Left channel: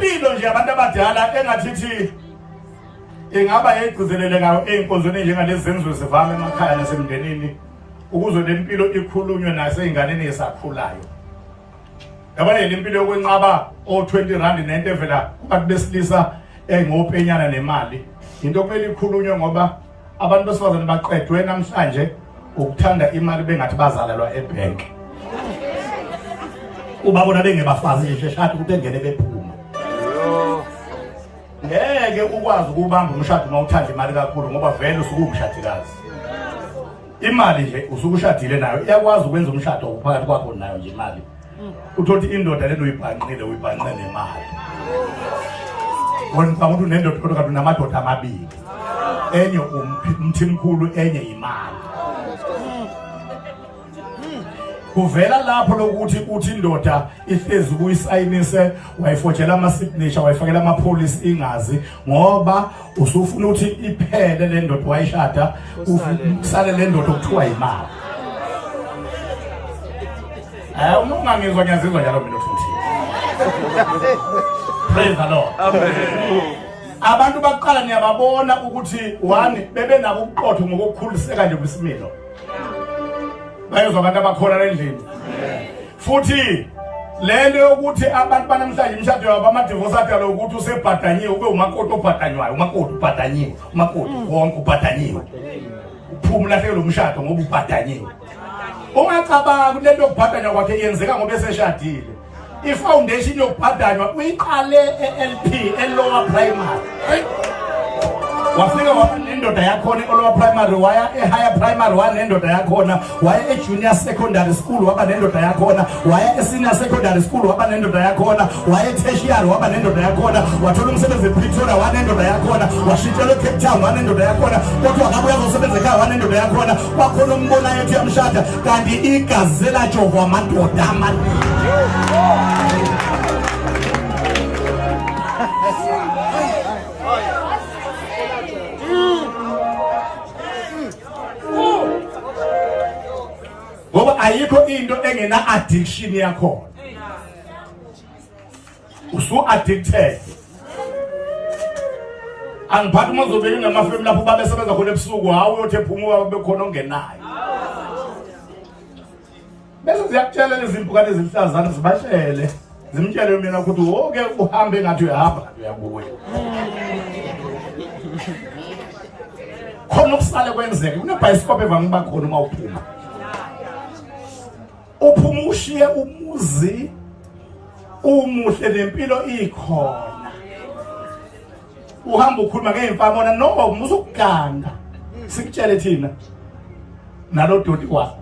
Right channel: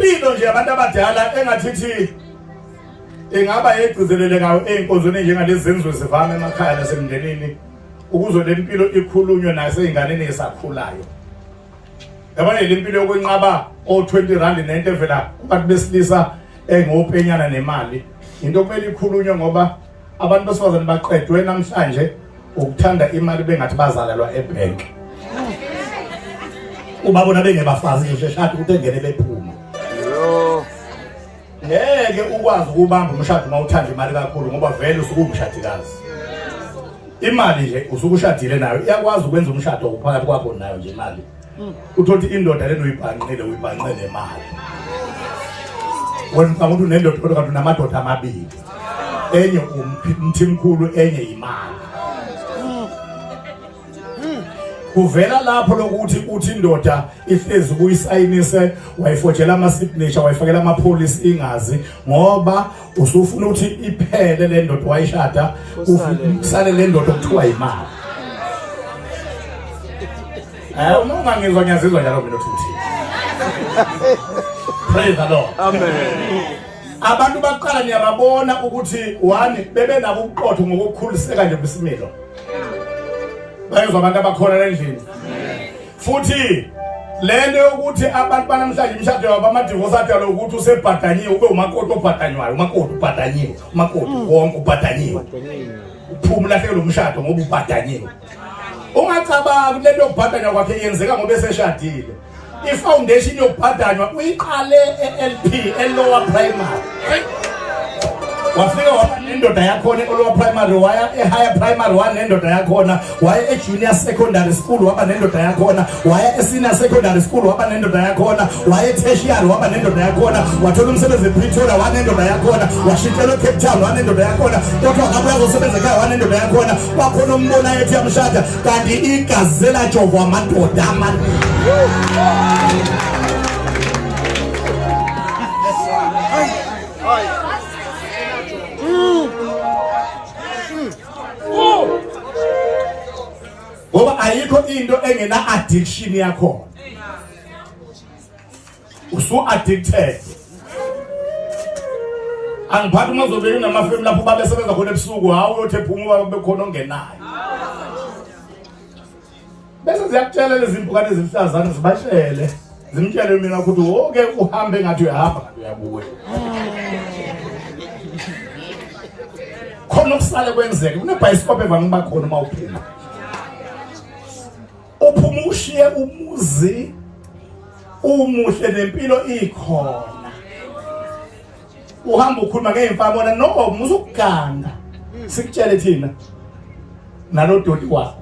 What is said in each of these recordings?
kunempilo nje abantu abadala engathithi ingaba egcizelelekayo einkonzweni njengalezi zenziwe zivame emakhaya nasemndenini ukuze lempilo ikhulunywe naseyinganeni esakhulayo. Yabona lempilo yokwenqaba o20 rand nento evela kubantu besilisa engopenyana nemali into kumele ikhulunywe ngoba abantu besifazane baqedwe namhlanje ukuthanda imali bengathi bazalalwa ebank. Ubabona bengebafazi nje shadi ukuthi engene bephuma. Ngeke ukwazi ukubamba umshado uma uthanda imali kakhulu ngoba vele usuke umshadikazi. Imali nje usuke ushadile nayo iyakwazi ukwenza umshado ukuphakathi kwakho nayo nje imali. Uthothi indoda lento uyibhanqile nemali. Wona ukuthi unendoda kodwa kanti unamadoda amabili. Enye umthimkhulu enye imali. Kuvela lapho lokuthi uthi indoda ihlezi kuyisayinise wayifotshela ama signature wayifakela ama police ingazi ngoba usufuna ukuthi iphele le ndoda wayishada kusale le ndoda okuthiwa imali. Uma ungangizwa ngiyazizwa njalo mina futhi. Praise the Lord. Amen. Abantu baqala niyababona ukuthi one bebe nabo ubuqotho ngokukhuliseka nje kwisimilo. Bayezwa abantu abakhona endlini. Futhi lento yokuthi abantu banamhlanje imshado yabo ama-divorce adala ukuthi usebhadanyiwe ube umakoti obhadanywayo, umakoti ubhadanyiwe, umakoti wonke ubhadanyiwe. Uphuma lahleke lo mshado ngoba ubhadanyiwe. Ungacabanga lento yokubhadanywa kwakhe yenzeka ngoba eseshadile. I-foundation yokubhadanywa uyiqale e-LP, e-lower primary. Wafika wanendoda yakhona e-lower primary waya e-higher primary wanendoda yakhona waya e-junior secondary school waba nendoda yakhona waya e-senior secondary school waba nendoda yakhona waya e-tertiary waba nendoda yakhona wathola umsebenzi e-Pretoria wanendoda yakhona washintshelwa e-Cape Town wanendoda yakhona kodwa akabuya azosebenza ekhaya wanendoda yakhona kwakhona umbona yethi yamshada kanti igazi selajovwa amadoda amaningi. Ngoba ayikho into engena addiction yakho. Usu addicted. Angiphathi mazobeke namafemu lapho babesebenza khona ebusuku hawo uyothe phuma ube khona ongenayo. Bese ziyakutshela lezi mpukane ezihlazana zibahlele. Zimtshele mina ukuthi oke uhambe ngathi uyahamba kanti uyabuya. Khona ukusale kwenzeke unebhayisikophe evangiba khona uma uphuma. Uphuma ushiye umuzi umuhle nempilo ikhona. Uhamba ukhuluma ngeimfamona no muzukuganda. Sikutshele thina nalo doti wakho.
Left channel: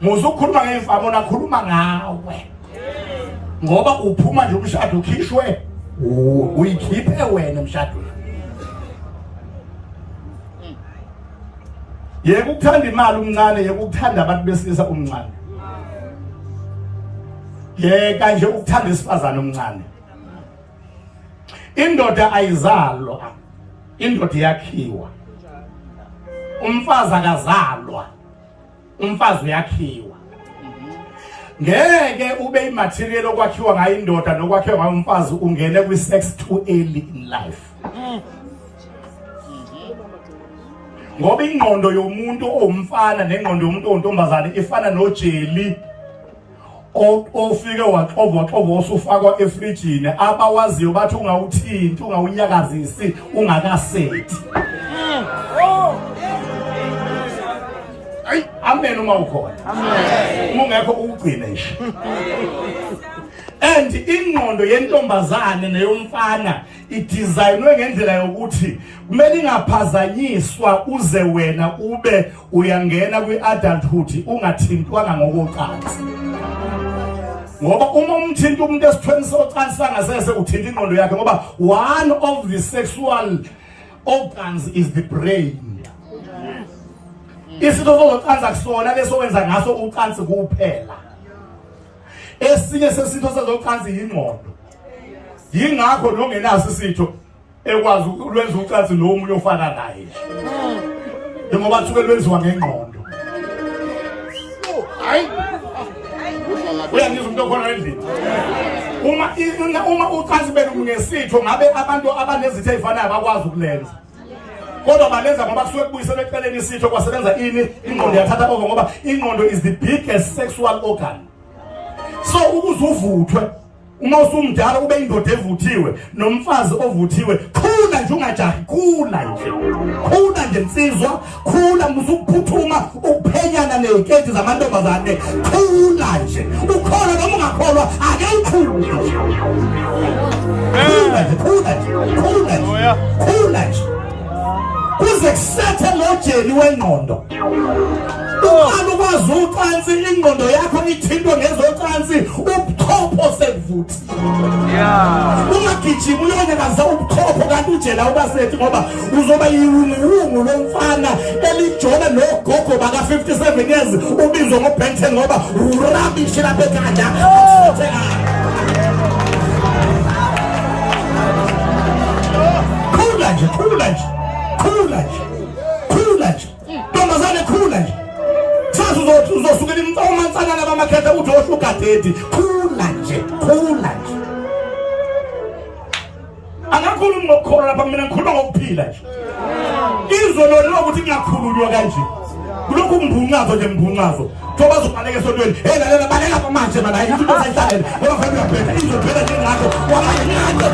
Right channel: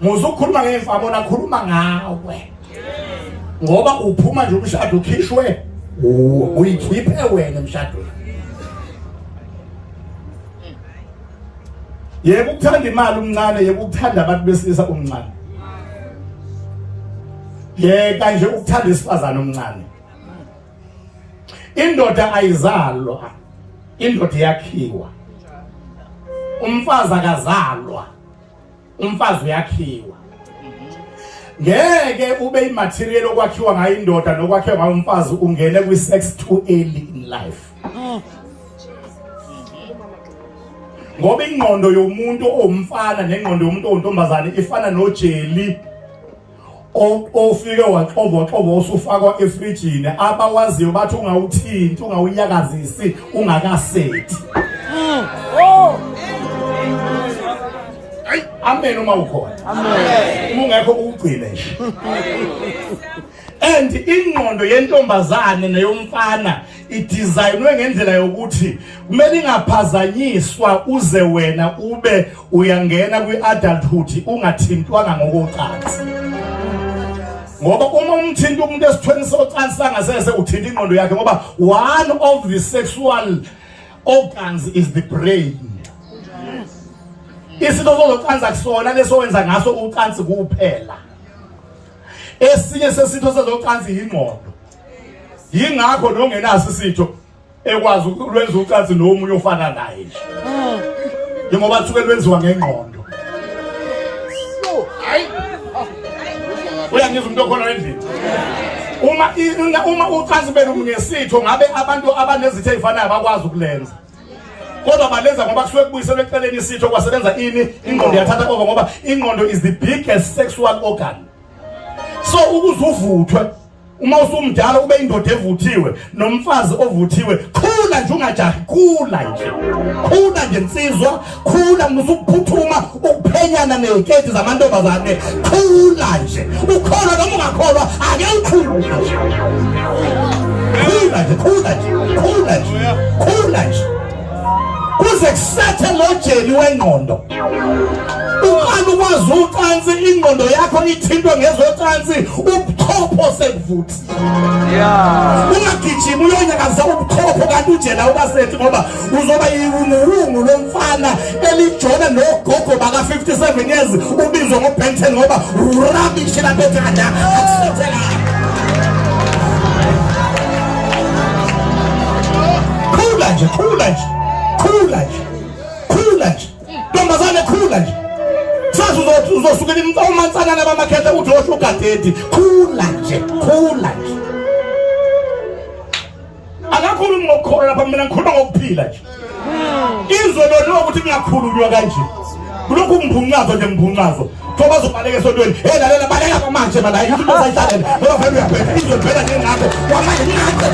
Muzukhuluma ngeimfamona khuluma ngawe. Ngoba uphuma nje umshado ukhishwe uyikhiphe wena emshadweni. Yebo ukuthanda imali umncane yebo ukuthanda abantu besilisa umncane. Yeka nje ukuthanda isifazana omncane. Indoda ayizalwa, indoda yakhiwa. Umfazi akazalwa, umfazi uyakhiwa. Ngeke ube imaterial okwakhiwa ngayo indoda nokwakhiwa ngayo umfazi ungene kwi-sex too early in life. Ngoba ingqondo yomuntu omfana nengqondo yomuntu ontombazane ifana nojeli ofike waxova osufakwa efrijini abawaziyo bathi ungawuthinti ungawunyakazisi ungakasethi. Amen uma ukhona. Amen. Ungekho ugcine nje. And ingqondo yentombazane neyomfana idesignwe ngendlela yokuthi kumele ingaphazanyiswa uze wena ube uyangena kwi-adulthood ungathintwanga ngokocansi. Ngoba uma umthinta umuntu esithweni socansi sangasese uthinta ingqondo yakhe ngoba one of the sexual organs is the brain. Isitho socansi akusona leso wenza ngaso ucansi kuphela. Esinye sesitho sezocansi ingqondo. Yingakho nongenaso isitho ekwazi ukwenza ucansi nomunye ofana naye. Ngoba kusuke lwenziwa ngengqondo. Hayi. Uyangizwa umuntu okhona endlini. uma utransfer ngesitho ngabe abantu abanezitho ezifanayo bakwazi ukulenza. Kodwa balenza ngoba kusuke kubuyiselwe eceleni isitho kwasebenza ini ingqondo yathatha over ngoba ingqondo is the biggest sexual organ. So ukuzuvuthwe uma usumdala ube indoda evuthiwe nomfazi ovuthiwe khula nje ungajahi khula nje insizwa khula musukuphuthuma ukuphenyana neziketi zamantombazane khula nje ukholwa noma ungakholwa ake ukhule khula nje kuze kusethe lojeli wengqondo ukwazi ukwazi ucansi ingqondo yakho ithintwe ngezocansi ubuthopho sevuthi ungagijima uyonyakaza ubuthopho kanti ujela ubasethi ngoba uzoba yiwungu lomfana elijona nogogo baka 57 years ubizwa ngoBen 10 ngoba rubbish lapho ekhanda akusetheka khula nje ntombazane khula nje sazi uzosukela umansana labamakhetha uthi oshugadedi khula nje akakhulumi ngokukholwa lapha mina ngikhuluma ngokuphila nje izwe lo ukuthi ngiyakhulunywa kanje kulokhu ngibunqazo nje ngibunqazo thoba zobaleka esontweni lalela baleka manje bala yithi into sayihlalele ngoba vele uyabheka izwe phela njengakho wamanye ngakho